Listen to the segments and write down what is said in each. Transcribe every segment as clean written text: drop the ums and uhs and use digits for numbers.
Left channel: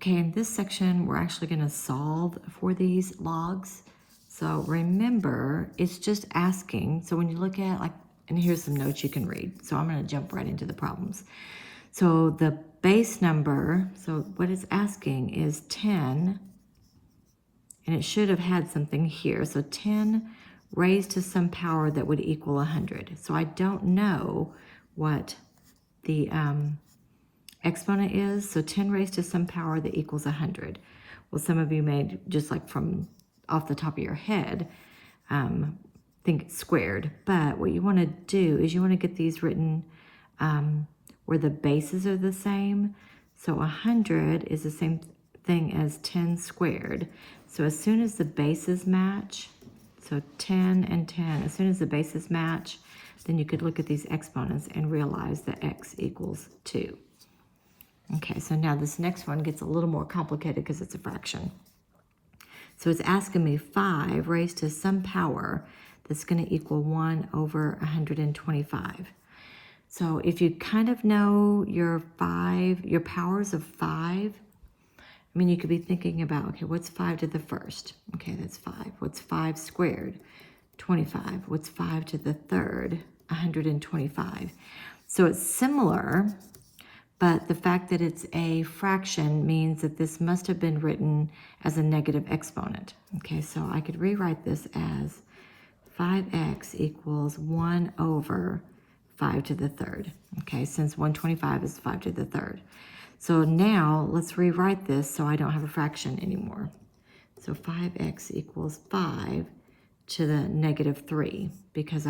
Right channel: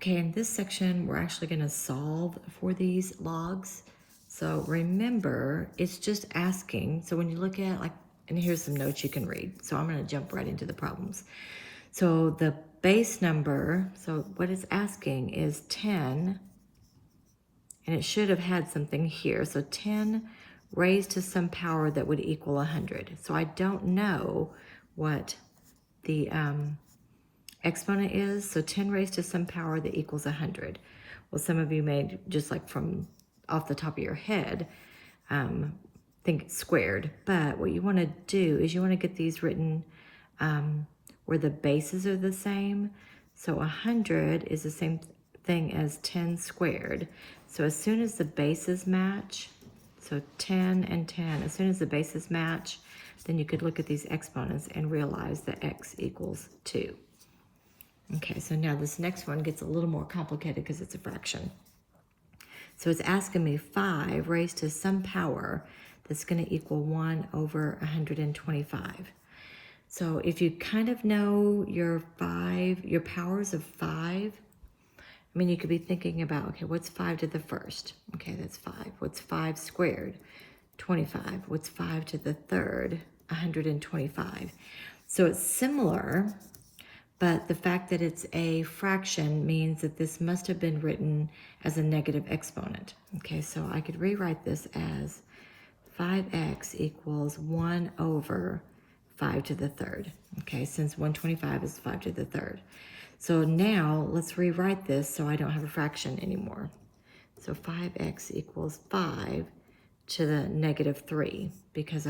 Okay, in this section, we're actually going to solve for these logs. So remember, it's just asking. So when you look at, like, and here's some notes you can read. So I'm going to jump right into the problems. So the base number, so what it's asking is 10, and it should have had something here. So 10 raised to some power that would equal 100. So I don't know what the exponent is. So 10 raised to some power that equals 100. Well, some of you may, just like from off the top of your head, think it's squared. But what you want to do is you want to get these written where the bases are the same. So 100 is the same thing as 10 squared. So as soon as the bases match, so 10 and 10, as soon as the bases match, then you could look at these exponents and realize that x equals 2. Okay, so now this next one gets a little more complicated because it's a fraction. So it's asking me 5 raised to some power that's going to equal 1 over 125. So if you kind of know your powers of 5, I mean, you could be thinking about, okay, what's 5 to the first? Okay, that's 5. What's 5 squared? 25. What's 5 to the third? 125. So it's similar, but the fact that it's a fraction means that this must have been written as a negative exponent. Okay, so I could rewrite this as 5x equals 1 over 5 to the third. Okay, since 125 is 5 to the third. So now let's rewrite this so I don't have a fraction anymore. So 5x equals 5 to the negative 3, because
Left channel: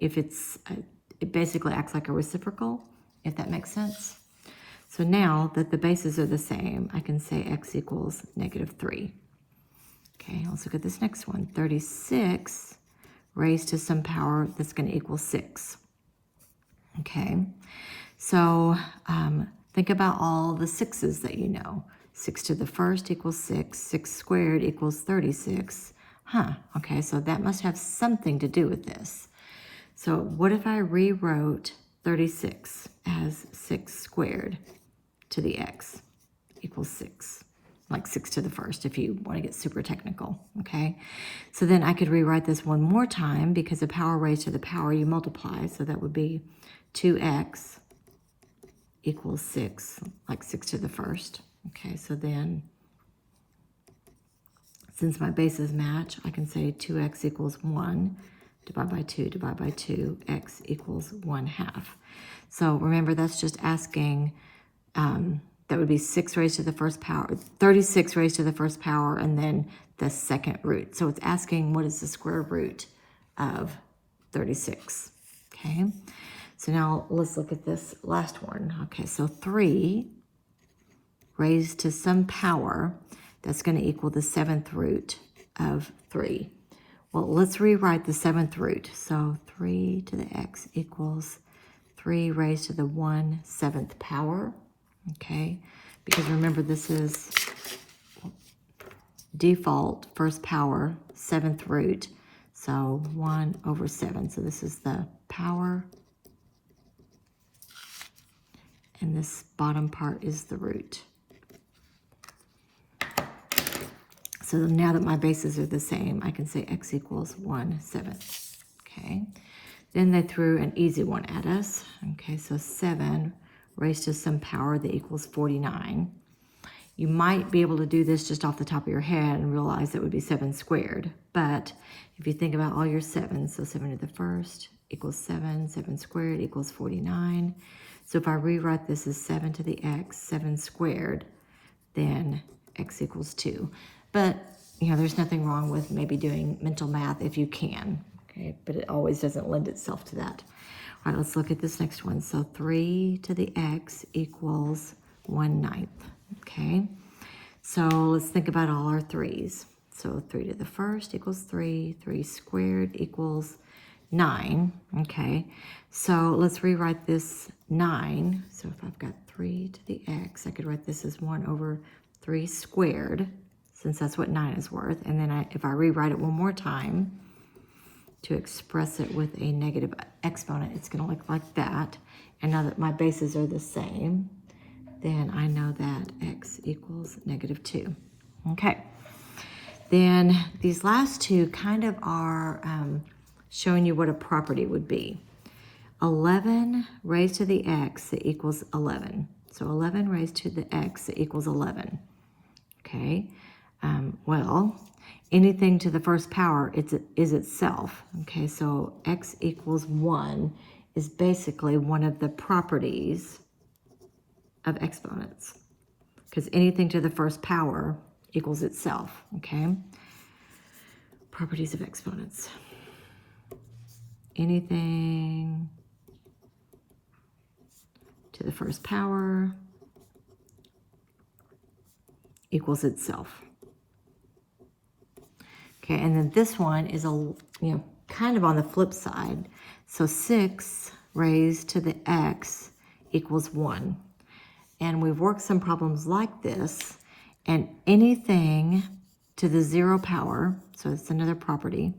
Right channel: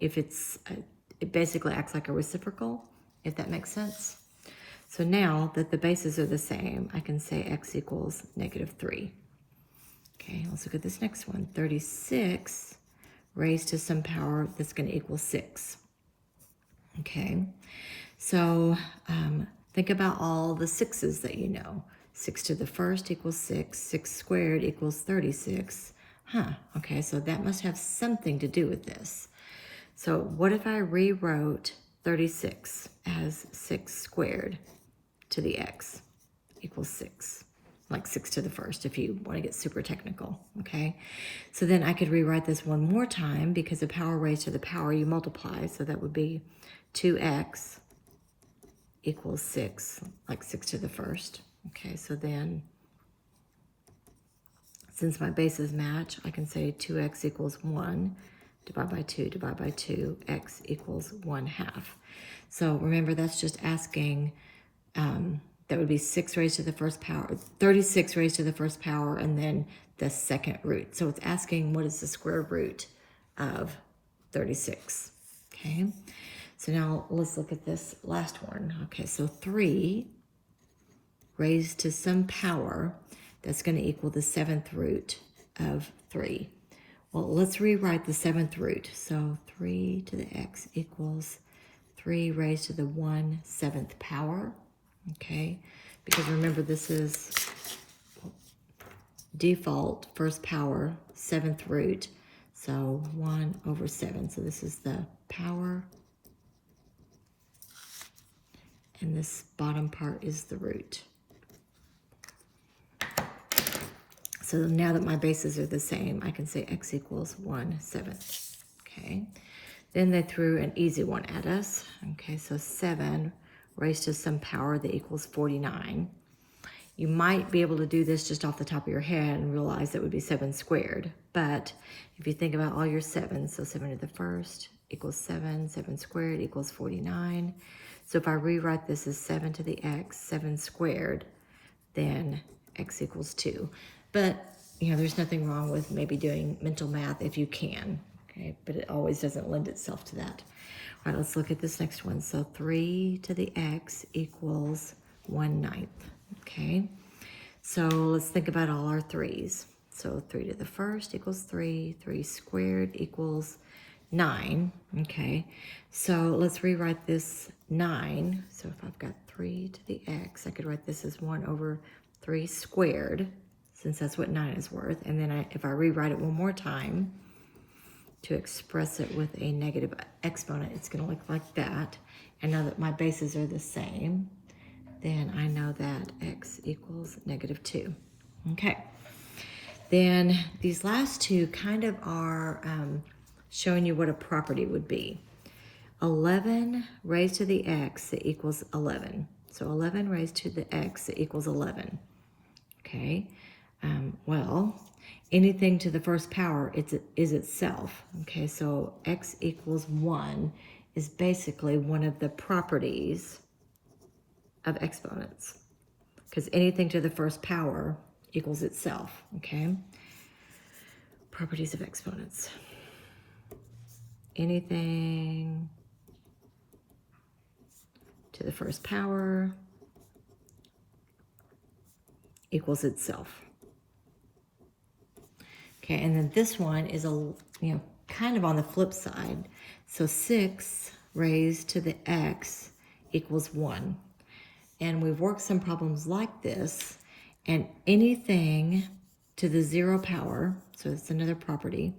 it basically acts like a reciprocal, if that makes sense. So now that the bases are the same, I can say x equals negative 3. Okay, let's look at this next one. 36 raised to some power that's going to equal 6. Okay, so think about all the 6's that you know. 6 to the first equals 6. 6 squared equals 36. Okay, so that must have something to do with this. So what if I rewrote 36 as 6 squared to the x equals 6, like 6 to the first if you want to get super technical, okay? So then I could rewrite this one more time because the power raised to the power you multiply, so that would be 2x equals 6, like 6 to the first. Okay, so then since my bases match, I can say 2x equals 1, divide by 2, x equals 1/2. So remember, that's just asking, that would be 6 raised to the first power, 36 raised to the first power, and then the second root. So it's asking what is the square root of 36, okay? So now let's look at this last one. Okay, so 3 raised to some power that's going to equal the 7th root of 3. Well, let's rewrite the 7th root. So 3 to the x equals 3 raised to the 1/7 power. Okay, because remember, this is default first power, 7th root. So 1 over 7. So this is the power, and this bottom part is the root. So now that my bases are the same, I can say x equals 1/7. Okay, then they threw an easy one at us. Okay, so 7 raised to some power that equals 49. You might be able to do this just off the top of your head and realize that would be 7 squared. But if you think about all your 7s, so 7 to the first equals 7, 7 squared equals 49. So if I rewrite this as 7 to the x, 7 squared, then x equals 2. But, you know, there's nothing wrong with maybe doing mental math if you can, okay? But it always doesn't lend itself to that. All right, let's look at this next one. So 3 to the x equals 1/9, okay? So let's think about all our 3's. So 3 to the first equals 3, 3 squared equals 9, okay? So let's rewrite this 9. So if I've got 3 to the x, I could write this as 1 over 3 squared, since that's what 9 is worth. And then if I rewrite it one more time to express it with a negative exponent, it's going to look like that. And now that my bases are the same, then I know that x equals negative 2. Okay. Then these last two kind of are showing you what a property would be. 11 raised to the x equals 11. So 11 raised to the x equals 11. Okay. Well, anything to the first power is itself. Okay, so x equals 1 is basically one of the properties of exponents, because anything to the first power equals itself. Okay, properties of exponents. Anything to the first power equals itself. Okay, and then this one is kind of on the flip side. So 6 raised to the x equals 1. And we've worked some problems like this, and anything to the 0 power, so it's another property.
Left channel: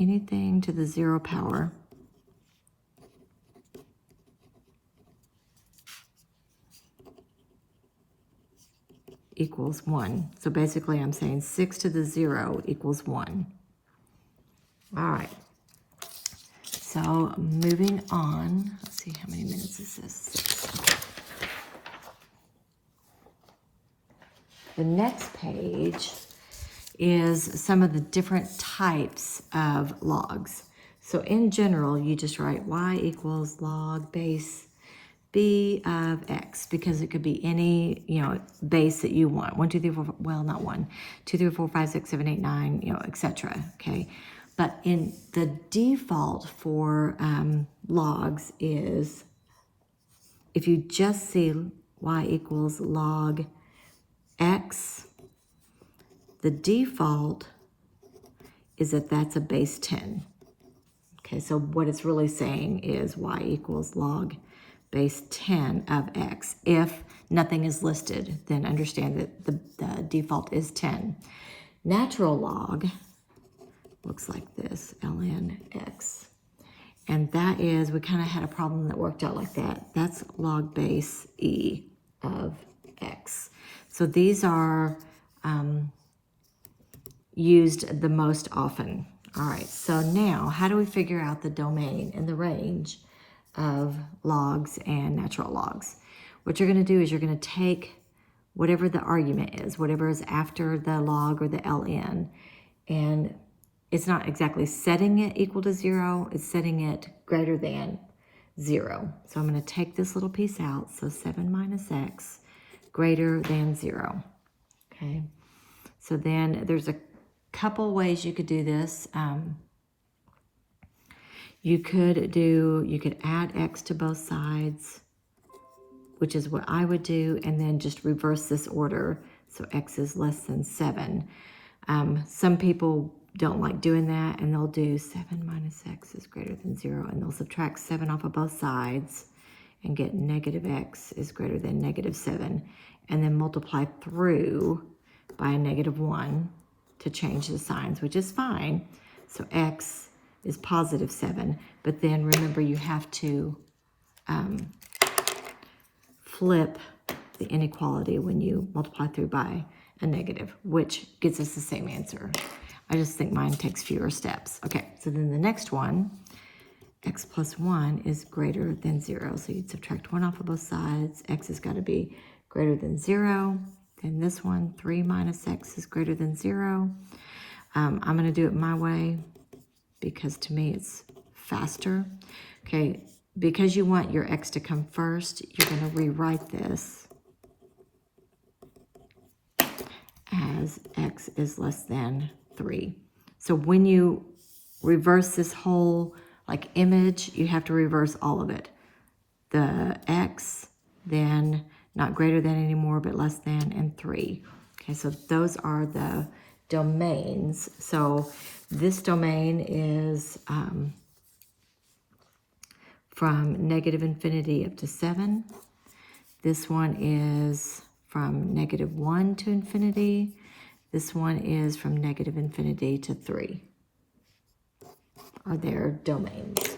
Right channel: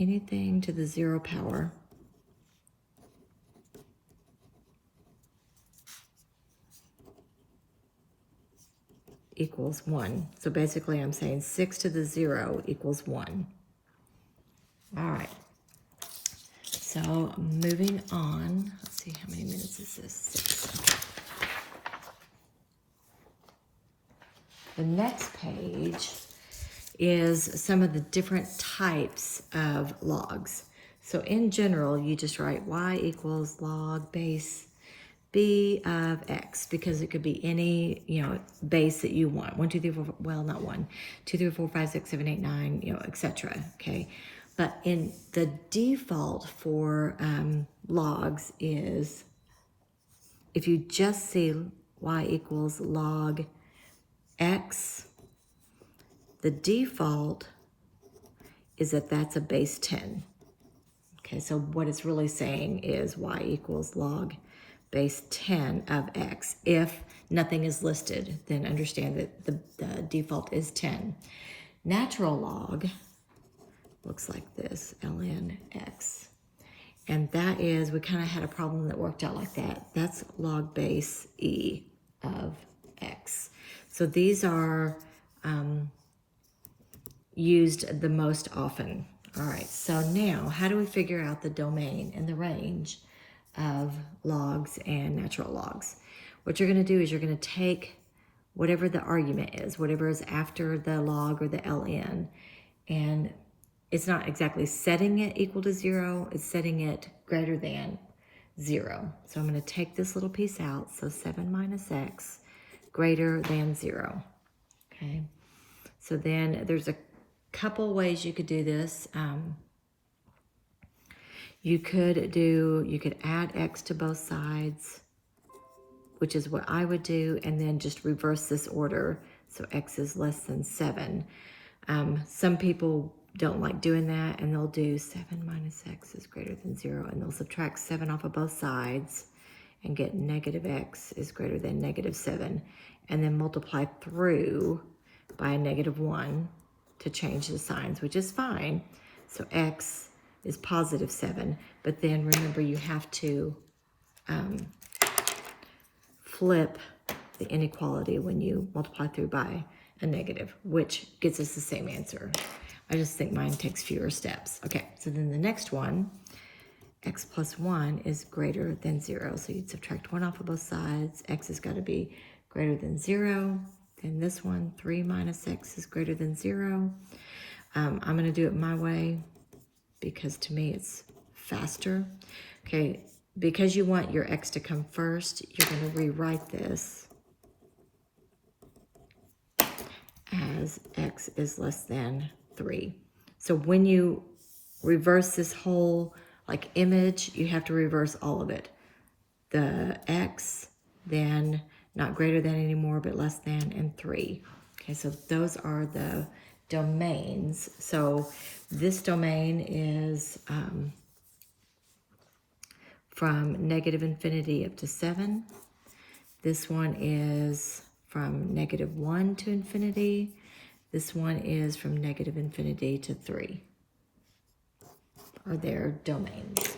Anything to the 0 power equals 1. So basically I'm saying 6 to the 0 equals 1. All right. So moving on, let's see how many minutes this is. 6. The next page is some of the different types of logs. So in general, you just write y equals log base b of x, because it could be any, base that you want. 1, 2, 3, 4, well, not 1, 2, 3, 4, 5, 6, 7, 8, 9, etc. Okay. But in the default for logs is, if you just see y equals log x, the default is that that's a base 10. Okay, so what it's really saying is y equals log base 10 of x. If nothing is listed, then understand that the default is 10. Natural log looks like this, ln x. And that is, we kind of had a problem that worked out like that. That's log base e of x. So these are used the most often. All right, so now how do we figure out the domain and the range of logs and natural logs? What you're going to do is you're going to take whatever the argument is, whatever is after the log or the ln, and it's not exactly setting it equal to 0, it's setting it greater than 0. So I'm going to take this little piece out, so 7 minus x greater than 0. Okay, so then there's a couple ways you could do this. You could add x to both sides, which is what I would do, and then just reverse this order, so x is less than 7. Some people don't like doing that, and they'll do 7 minus x is greater than 0, and they'll subtract 7 off of both sides and get negative x is greater than negative 7, and then multiply through by a negative 1 to change the signs, which is fine. So x is positive 7, but then remember you have to flip the inequality when you multiply through by a negative, which gets us the same answer. I just think mine takes fewer steps. Okay, so then the next one, x plus 1 is greater than 0. So you'd subtract 1 off of both sides. X has got to be greater than 0. Then this one, 3 minus x is greater than 0. I'm going to do it my way because to me it's faster. Okay, because you want your x to come first, you're going to rewrite this as x is less than 3. So when you reverse this whole image, you have to reverse all of it. The x, then not greater than anymore, but less than, and 3. Okay, so those are the domains. So this domain is from negative infinity up to 7. This one is from negative 1 to infinity. This one is from negative infinity to 3, are their domains.